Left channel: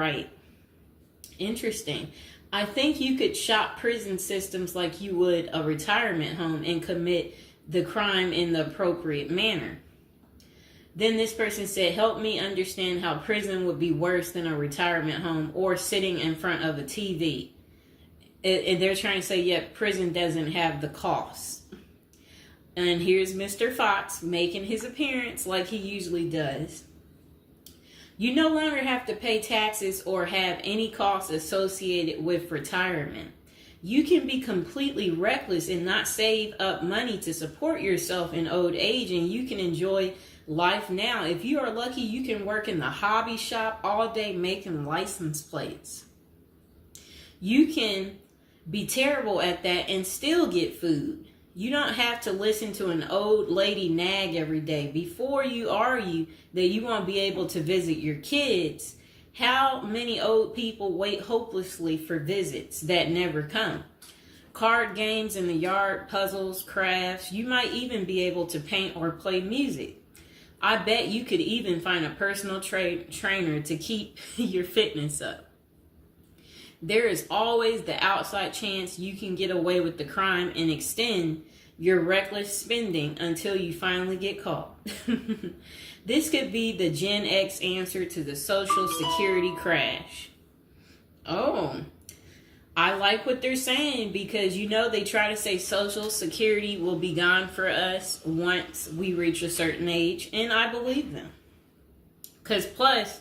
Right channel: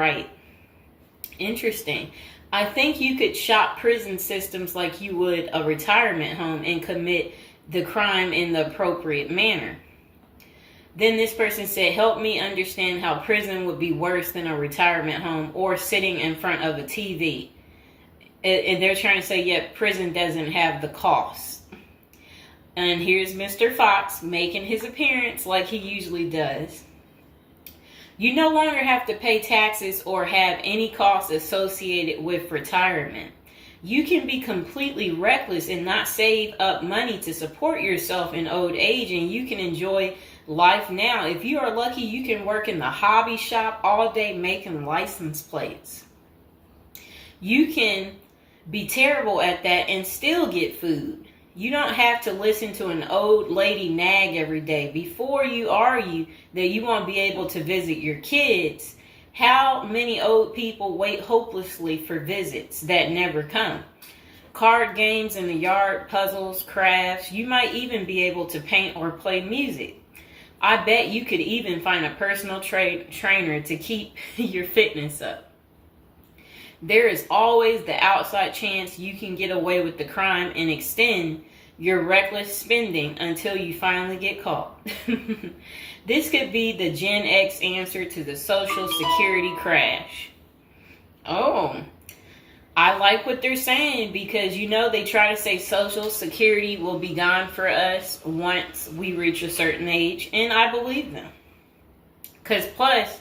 right. Interesting. I think you could shop prison systems like you would a retirement home and commit the crime in the appropriate manner. Then this person said, help me understand how prison would be worse than a retirement home or sitting in front of a TV. And they're trying to say, yeah, prison doesn't have the cost. And here's Mr. Fox making his appearance like he usually does. You no longer have to pay taxes or have any costs associated with retirement. You can be completely reckless and not save up money to support yourself in old age, and you can enjoy life now. If you are lucky, you can work in the hobby shop all day making license plates. You can be terrible at that and still get food. You don't have to listen to an old lady nag every day. Before you argue that you won't be able to visit your kids, how many old people wait hopelessly for visits that never come? Card games in the yard, puzzles, crafts. You might even be able to paint or play music. I bet you could even find a personal trainer to keep your fitness up. There is always the outside chance you can get away with the crime and extend your reckless spending until you finally get caught. This could be the Gen X answer to the Social Security crash. Oh, I like what they're saying because, you know, they try to say Social Security will be gone for us once we reach a certain age, and I believe them. Because plus,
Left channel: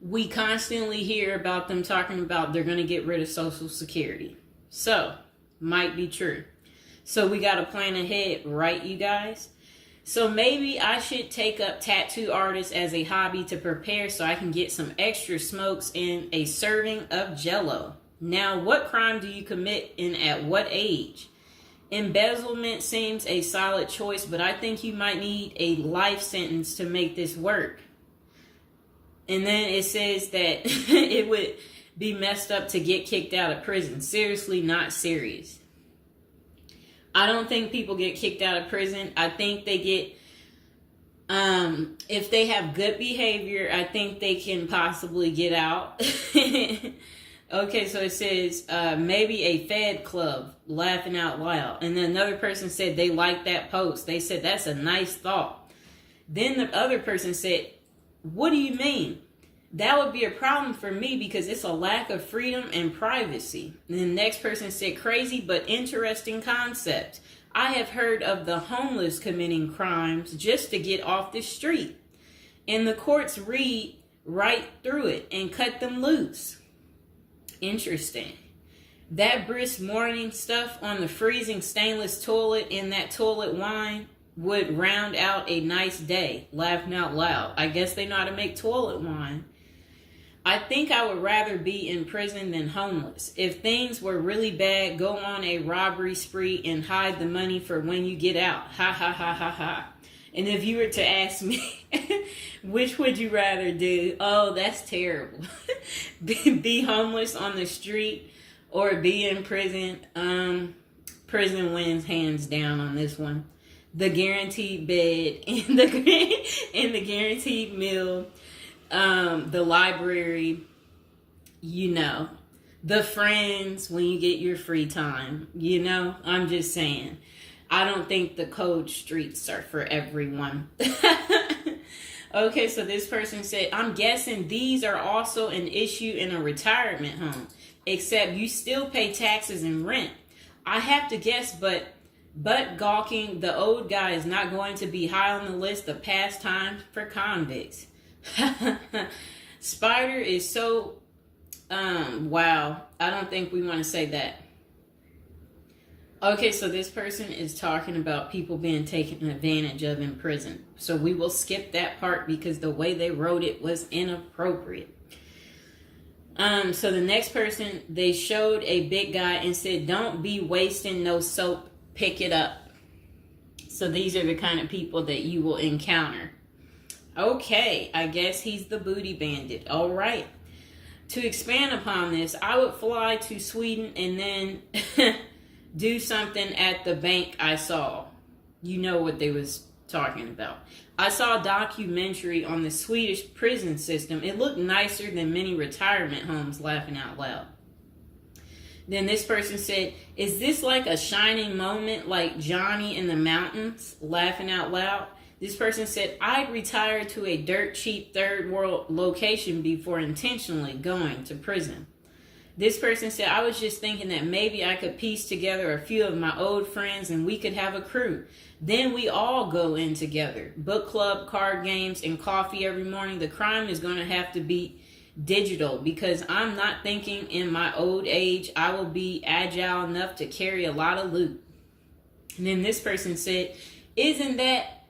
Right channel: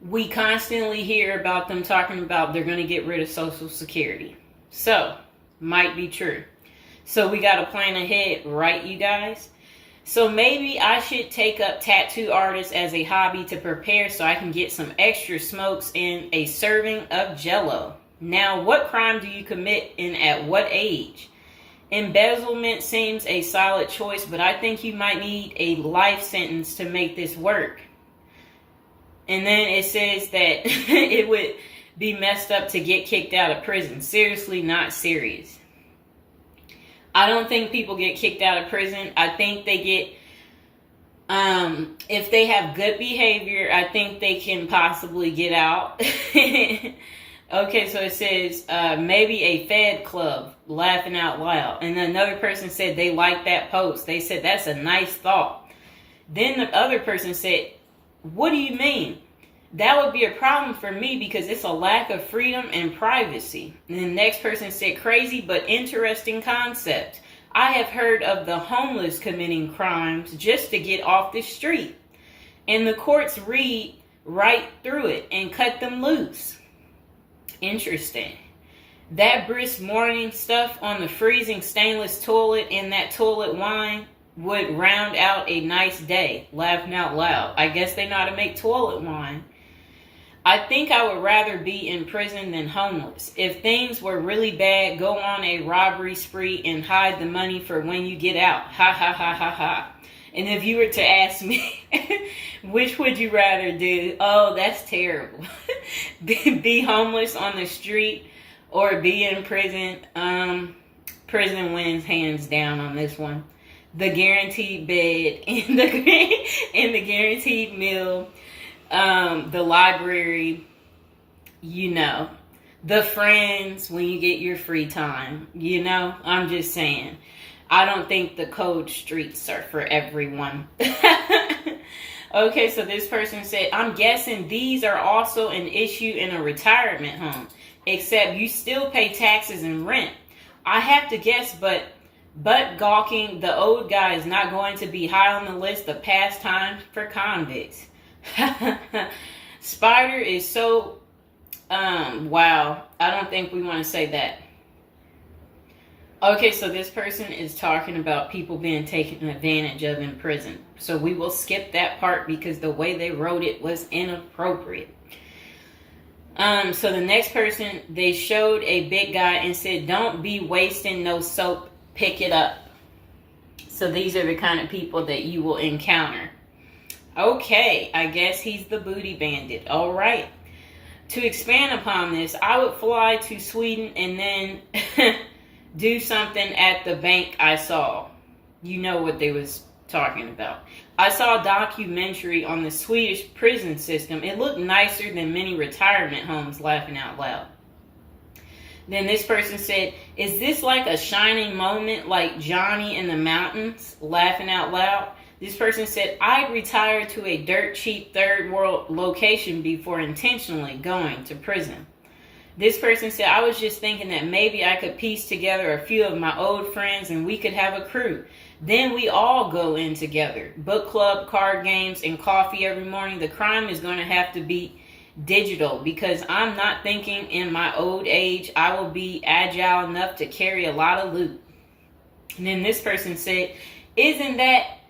we constantly hear about them talking about they're going to get rid of Social Security. So, might be true. So we got to plan ahead, right, you guys? So maybe I should take up tattoo artists as a hobby to prepare so I can get some extra smokes and a serving of Jell-O. Now, what crime do you commit and at what age? Embezzlement seems a solid choice, but I think you might need a life sentence to make this work. And then it says that it would be messed up to get kicked out of prison. Seriously, not serious. I don't think people get kicked out of prison. I think they get, if they have good behavior, I think they can possibly get out. Okay, so it says maybe a Fed club, laughing out loud. And another person said they liked that post. They said that's a nice thought. Then the other person said, what do you mean? That would be a problem for me because it's a lack of freedom and privacy. And the next person said, crazy but interesting concept. I have heard of the homeless committing crimes just to get off the street. And the courts read right through it and cut them loose. Interesting. That brisk morning stuff on the freezing stainless toilet and that toilet wine would round out a nice day. Laughing out loud. I guess they know how to make toilet wine. I think I would rather be in prison than homeless. If things were really bad, go on a robbery spree and hide the money for when you get out. Ha ha ha ha ha. And if you were to ask me, which would you rather do? Oh, that's terrible. Be homeless on the street or be in prison? Prison wins hands down on this one. The guaranteed bed and the guaranteed meal. The library, you know, the friends when you get your free time, you know, I'm just saying, I don't think the cold streets are for everyone. Okay, so this person said, I'm guessing these are also an issue in a retirement home, except you still pay taxes and rent. I have to guess, but gawking, the old guy is not going to be high on the list of pastimes for convicts. Spider is so wow, I don't think we want to say that. Okay, so this person is talking about people being taken advantage of in prison, so we will skip that part because the way they wrote it was inappropriate. So the next person, they showed a big guy and said, don't be wasting no soap, pick it up. So these are the kind of people that you will encounter. Okay, I guess he's the booty bandit. All right. To expand upon this, I would fly to Sweden and then do something at the bank I saw. You know what they was talking about. I saw a documentary on the Swedish prison system. It looked nicer than many retirement homes, laughing out loud. Then this person said, is this like a shining moment like Johnny in the Mountains, laughing out loud? This person said, I'd retire to a dirt cheap third world location before intentionally going to prison. This person said, I was just thinking that maybe I could piece together a few of my old friends and we could have a crew. Then we all go in together. Book club, card games, and coffee every morning. The crime is going to have to be digital because I'm not thinking in my old age I will be agile enough to carry a lot of loot. And then this person said, isn't that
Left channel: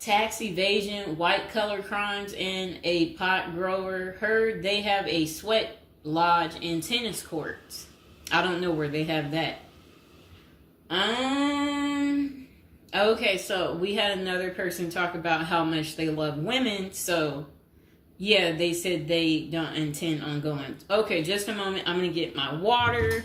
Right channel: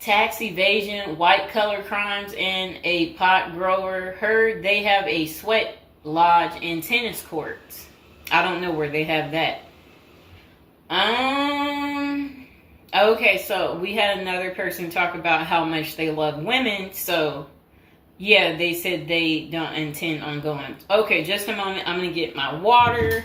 tax evasion, white collar crimes, and a pot grower? Heard they have a sweat lodge and tennis courts. I don't know where they have that. Okay, so we had another person talk about how much they love women. So yeah, they said they don't intend on going. Okay, just a moment. I'm gonna get my water.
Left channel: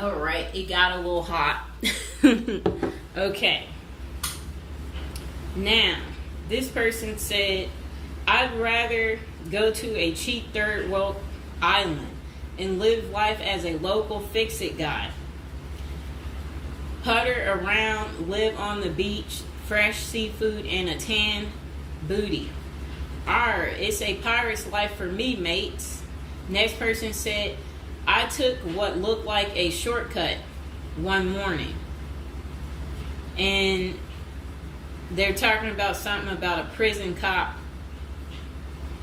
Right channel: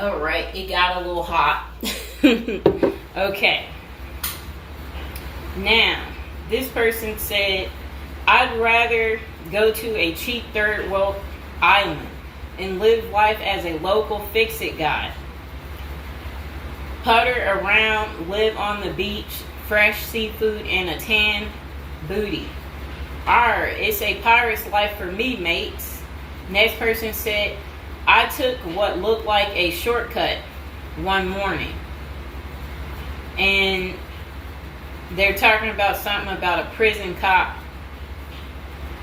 All right, it got a little hot. Okay. Now, this person said, I'd rather go to a cheap third world island and live life as a local fix-it guy. Putter around, live on the beach, fresh seafood, and a tan booty. It's a pirate's life for me, mates. Next person said, I took what looked like a shortcut one morning. And they're talking about something about a prison cop.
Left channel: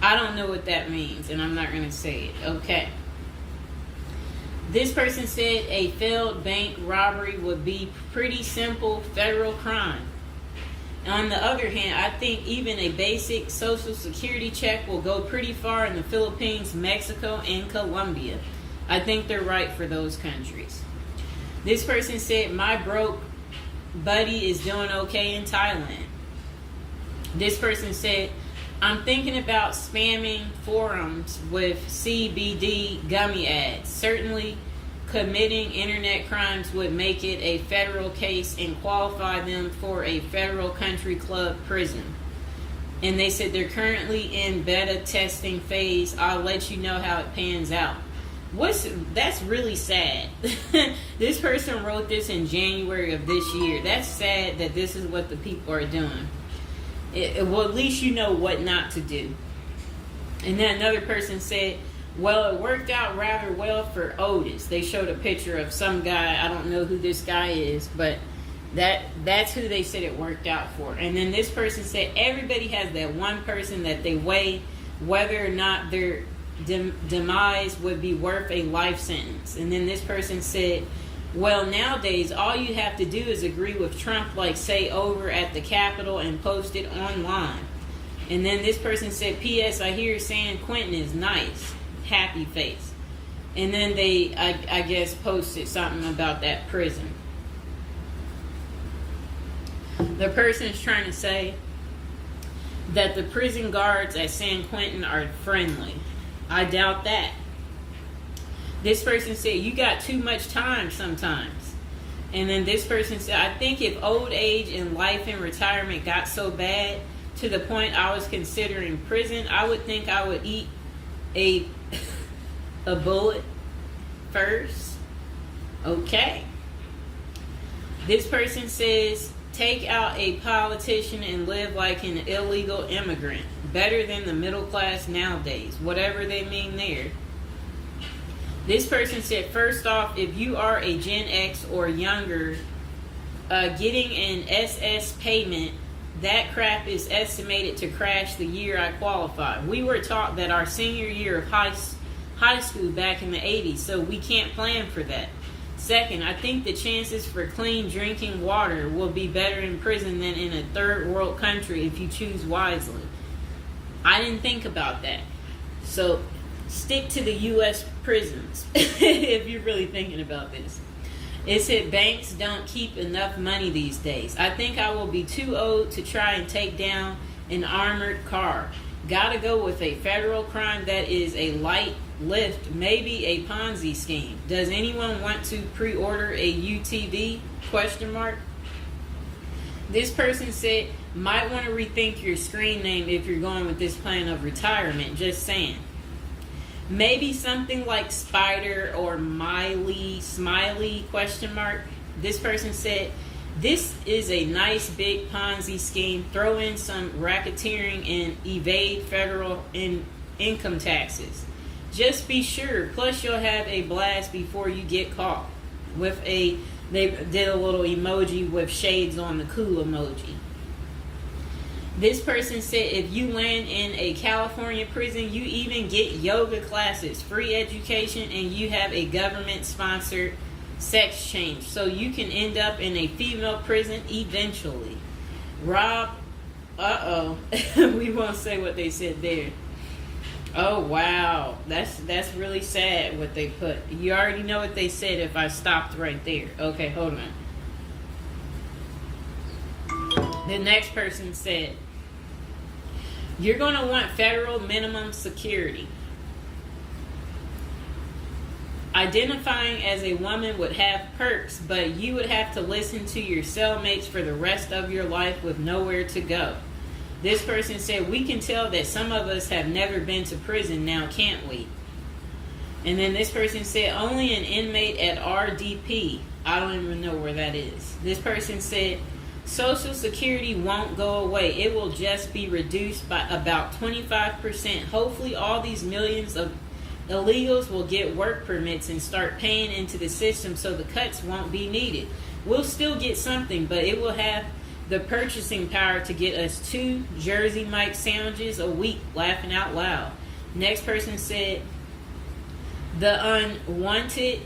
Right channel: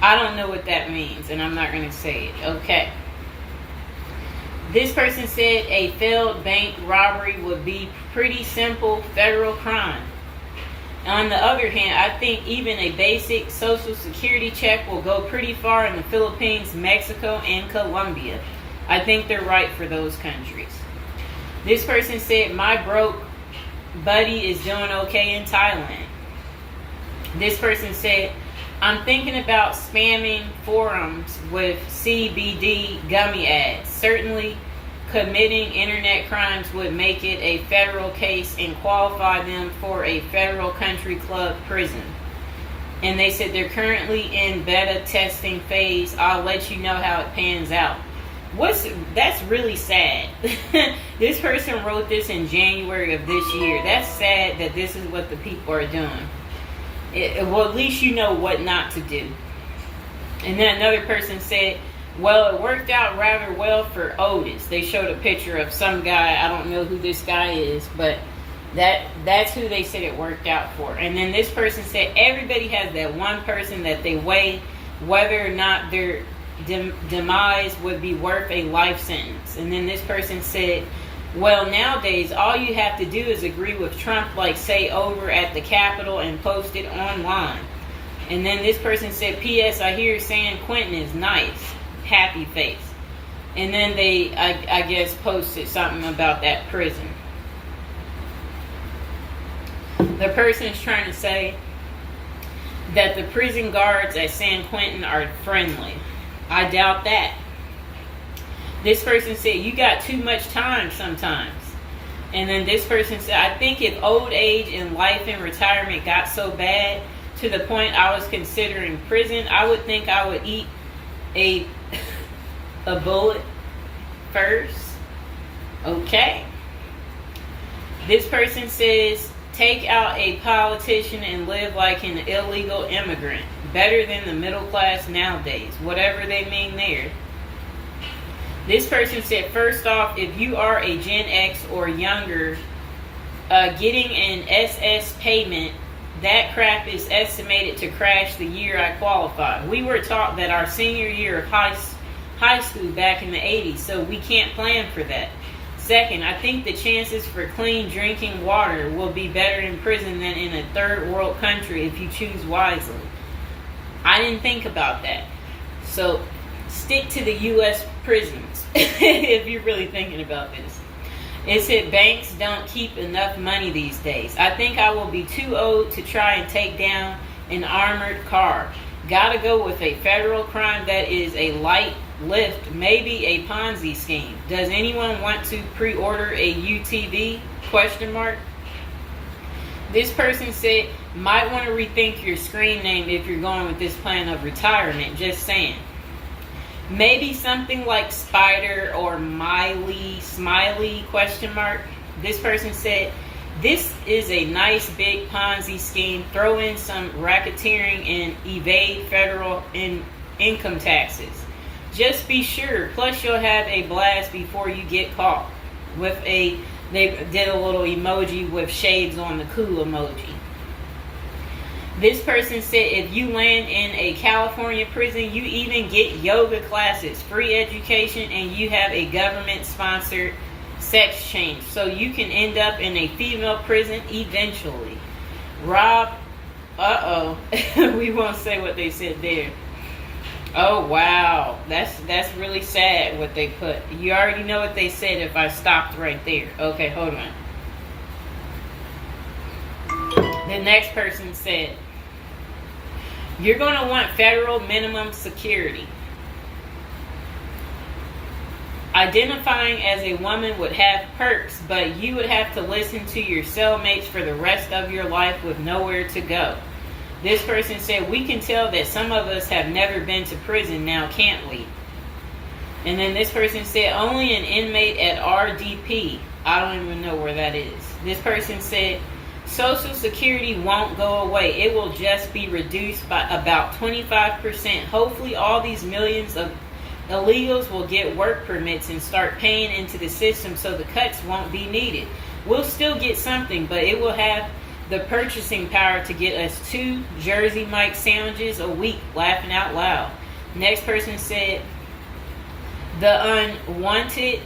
I don't know what that means, and I'm not going to say it. Okay. This person said a failed bank robbery would be pretty simple federal crime. On the other hand, I think even a basic social security check will go pretty far in the Philippines, Mexico, and Colombia. I think they're right for those countries. This person said, my broke buddy is doing okay in Thailand. This person said, I'm thinking about spamming forums with CBD gummy ads. Certainly, committing internet crimes would make it a federal case and qualify them for a federal country club prison. And they said they're currently in beta testing phase. I'll let you know how it pans out. That's really sad. This person wrote this in January of this year. That's sad that this is what the people are doing. Well, at least you know what not to do. And then another person said, well, it worked out rather well for Otis. They showed a picture of some guy. I don't know who this guy is, but that's who they said it worked out for. And then this person said everybody has that one person that they weigh whether or not their demise would be worth a life sentence. And then this person said, well, nowadays all you have to do is agree with Trump, like say over at the Capitol, and post it online. And then this person said, P.S. I hear San Quentin is nice. Happy face. And then they, I guess, posted something about that prison. The person's trying to say that the prison guards at San Quentin are friendly. I doubt that. This person said, you got too much time sometimes. And then this person said, I think if old age and life in retirement got so bad to the point I was considering prison, I would think I would eat a bullet first. Okay. This person says, take out a politician and live like an illegal immigrant. Better than the middle class nowadays. Whatever they mean there. This person said, first off, if you are a Gen X or younger, getting an SS payment, that crap is estimated to crash the year I qualified. We were taught that our senior year of high school back in the 80s, so we can't plan for that. Second, I think the chances for clean drinking water will be better in prison than in a third world country if you choose wisely. I didn't think about that. So stick to the U.S. prisons if you're really thinking about this. It said banks don't keep enough money these days. I think I will be too old to try and take down an armored car. Gotta go with a federal crime that is a light lift, maybe a Ponzi scheme. Does anyone want to pre-order a UTV? Question mark. This person said, might want to rethink your screen name if you're going with this plan of retirement. Just saying. Maybe something like Spider or Smiley, question mark. This person said, this is a nice big Ponzi scheme. Throw in some racketeering and evade federal income taxes. Just be sure. Plus, you'll have a blast before you get caught. They did a little emoji with shades on the cool emoji. This person said if you land in a California prison, you even get yoga classes, free education, and you have a government-sponsored sex change. So you can end up in a female prison eventually. Rob, we won't say what they said there. Oh, wow. That's really sad what they put. You already know what they said if I stopped right there. Okay, hold on. The next person said, you're going to want federal minimum security. Identifying as a woman would have perks, but you would have to listen to your cellmates for the rest of your life with nowhere to go. This person said, we can tell that some of us have never been to prison now, can't we? And then this person said, only an inmate at RDP. I don't even know where that is. This person said, Social Security won't go away. It will just be reduced by about 25%. Hopefully all these millions of illegals will get work permits and start paying into the system so the cuts won't be needed. We'll still get something, but it will have the purchasing power to get us 2 Jersey Mike sandwiches a week, laughing out loud. Next person said, the unwanted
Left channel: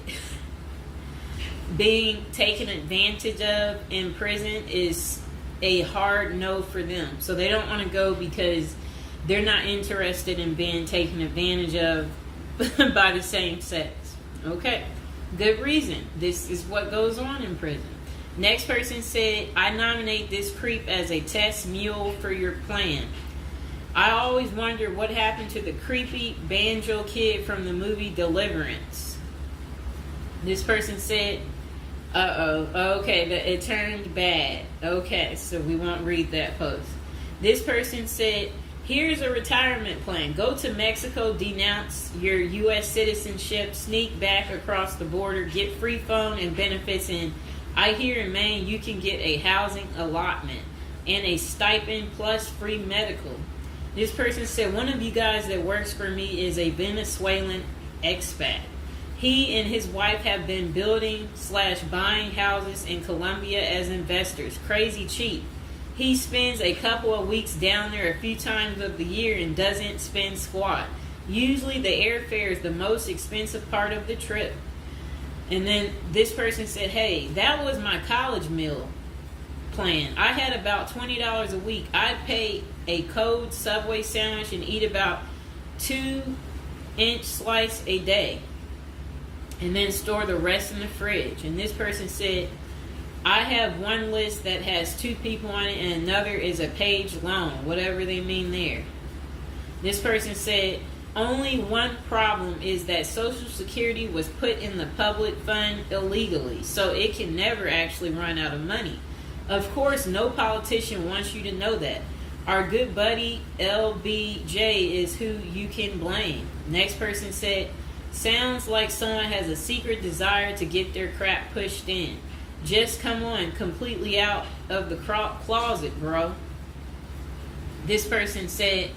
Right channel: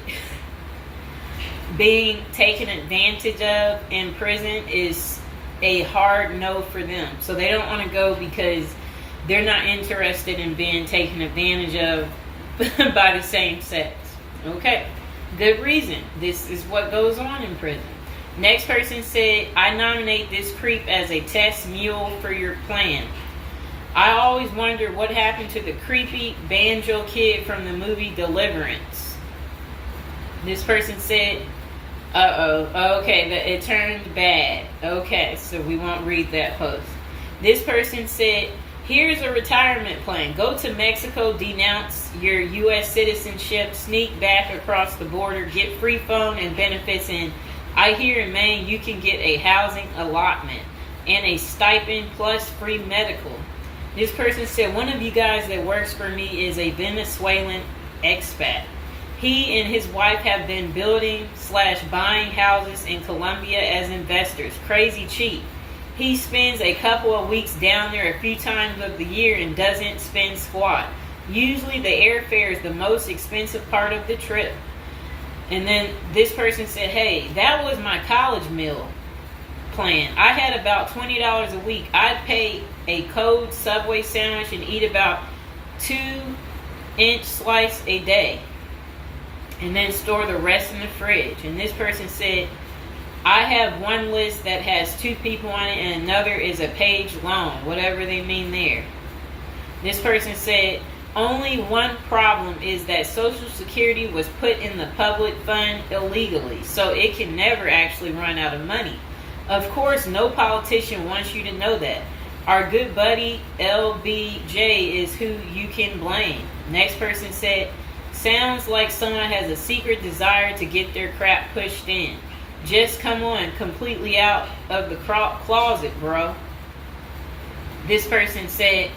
being taken advantage of in prison is a hard no for them. So they don't want to go because they're not interested in being taken advantage of by the same sex. Okay, good reason. This is what goes on in prison. Next person said, I nominate this creep as a test mule for your plan. I always wonder what happened to the creepy banjo kid from the movie Deliverance. This person said, okay, it turned bad. Okay, so we won't read that post. This person said, here's a retirement plan. Go to Mexico, denounce your U.S. citizenship, sneak back across the border, get free phone and benefits, and I hear in Maine you can get a housing allotment and a stipend plus free medical. This person said, one of you guys that works for me is a Venezuelan expat. He and his wife have been building/buying houses in Colombia as investors. Crazy cheap. He spends a couple of weeks down there a few times of the year and doesn't spend squat. Usually the airfare is the most expensive part of the trip. And then this person said, hey, that was my college meal plan. I had about $20 a week. I'd pay a cold Subway sandwich and eat about 2-inch slice a day. And then store the rest in the fridge. And this person said, I have one list that has 2 people on it and another is a page long, whatever they mean there. This person said, only one problem is that Social Security was put in the public fund illegally, so it can never actually run out of money. Of course, no politician wants you to know that. Our good buddy LBJ is who you can blame. Next person said, sounds like someone has a secret desire to get their crap pushed in. Just come on, completely out of the closet, bro. This person said,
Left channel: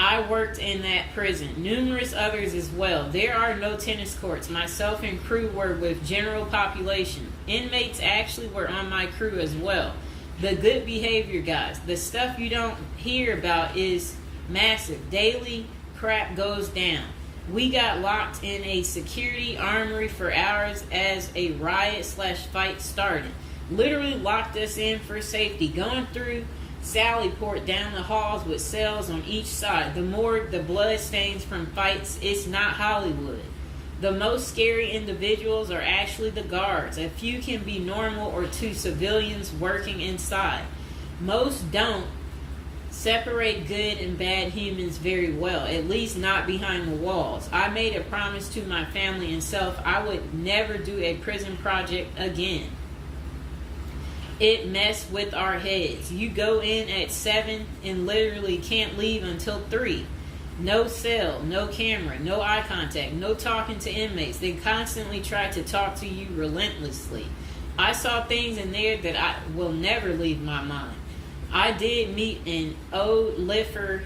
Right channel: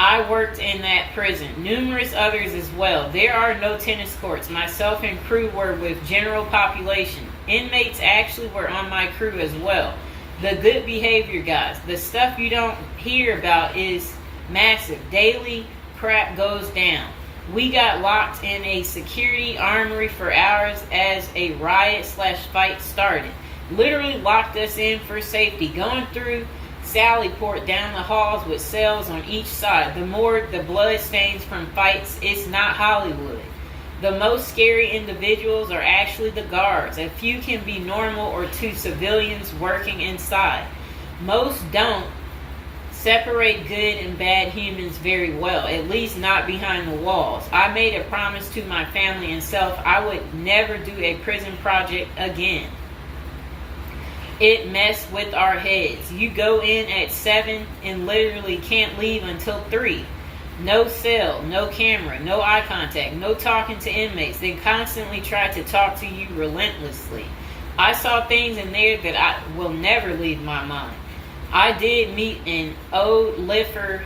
I worked in that prison. Numerous others as well. There are no tennis courts. Myself and crew were with general population. Inmates actually were on my crew as well. The good behavior guys. The stuff you don't hear about is massive. Daily crap goes down. We got locked in a security armory for hours as a riot/fight started. Literally locked us in for safety, going through Sallyport down the halls with cells on each side. The morgue, the blood stains from fights. It's not Hollywood. The most scary individuals are actually the guards. A few can be normal or two civilians working inside. Most don't separate good and bad humans very well, at least not behind the walls. I made a promise to my family and self I would never do a prison project again. It messed with our heads. You go in at 7 and literally can't leave until 3. No cell, no camera, no eye contact, no talking to inmates. They constantly try to talk to you relentlessly. I saw things in there that I will never leave my mind. I did meet an old lifer.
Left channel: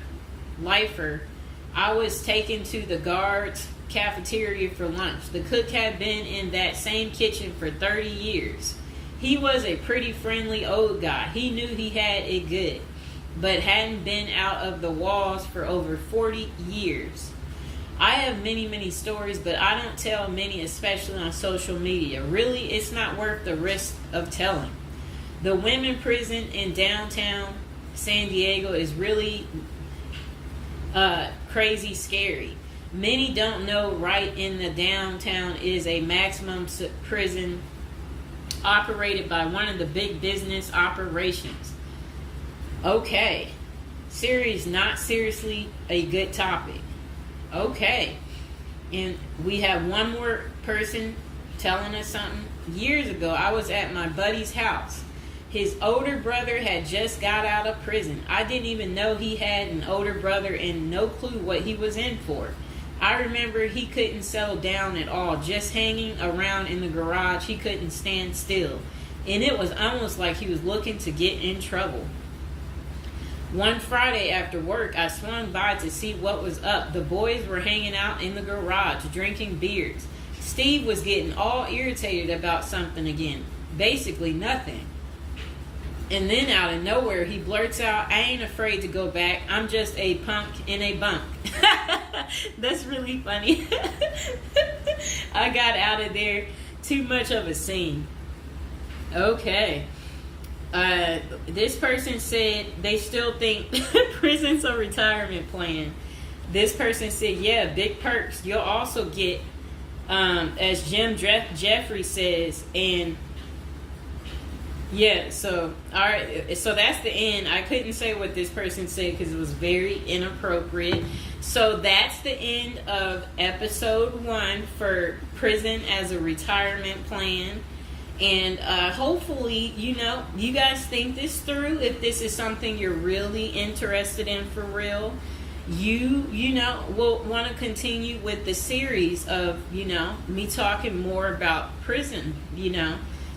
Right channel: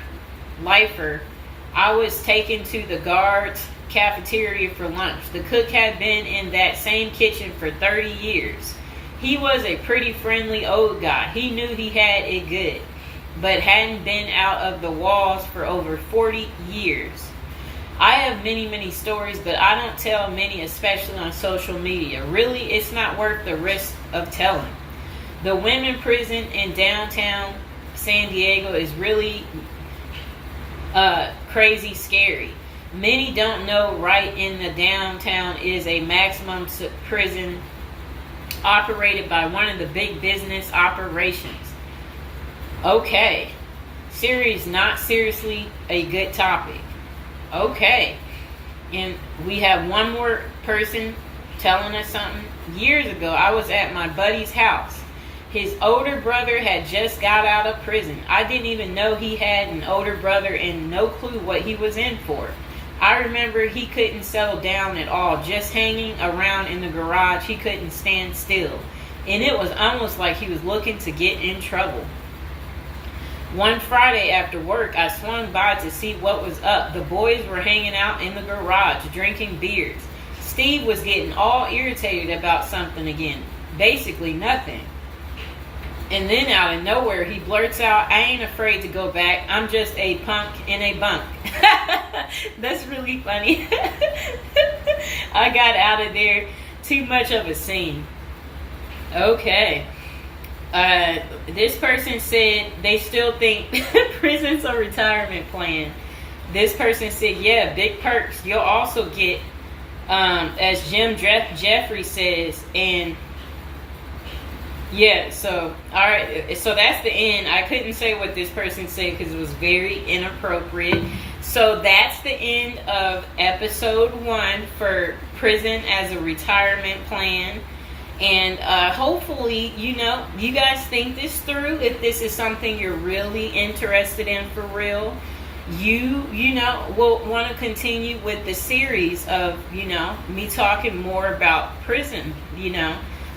I was taken to the guards' cafeteria for lunch. The cook had been in that same kitchen for 30 years. He was a pretty friendly old guy. He knew he had it good, but hadn't been out of the walls for over 40 years. I have many, many stories, but I don't tell many, especially on social media. Really, it's not worth the risk of telling. The women prison in downtown San Diego is really crazy scary. Many don't know right in the downtown is a maximum prison operated by one of the big business operations. Okay. Series, not seriously a good topic. Okay. And we have one more person telling us something. Years ago, I was at my buddy's house. His older brother had just got out of prison. I didn't even know he had an older brother and no clue what he was in for. I remember he couldn't settle down at all, just hanging around in the garage. He couldn't stand still. And it was almost like he was looking to get in trouble. One Friday after work, I swung by to see what was up. The boys were hanging out in the garage, drinking beers. Steve was getting all irritated about something again. Basically nothing. And then out of nowhere, he blurts out, I ain't afraid to go back. I'm just a punk in a bunk. That's really funny. I got out of there. Too much of a scene. Okay. This person said they still think prison's a retirement plan. This person said, yeah, big perks. You'll also get, as Jim Jeffrey says, and yeah, so, all right, so that's the end. I couldn't say what this person said because it was very inappropriate. So that's the end of episode 1 for prison as a retirement plan. And hopefully, you guys think this through. If this is something you're really interested in for real, you will want to continue with the series of, me talking more about prison,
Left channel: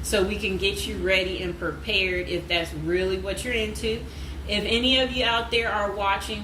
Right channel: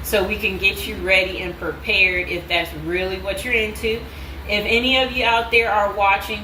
so we can get you ready and prepared if that's really what you're into. If any of you out there are watching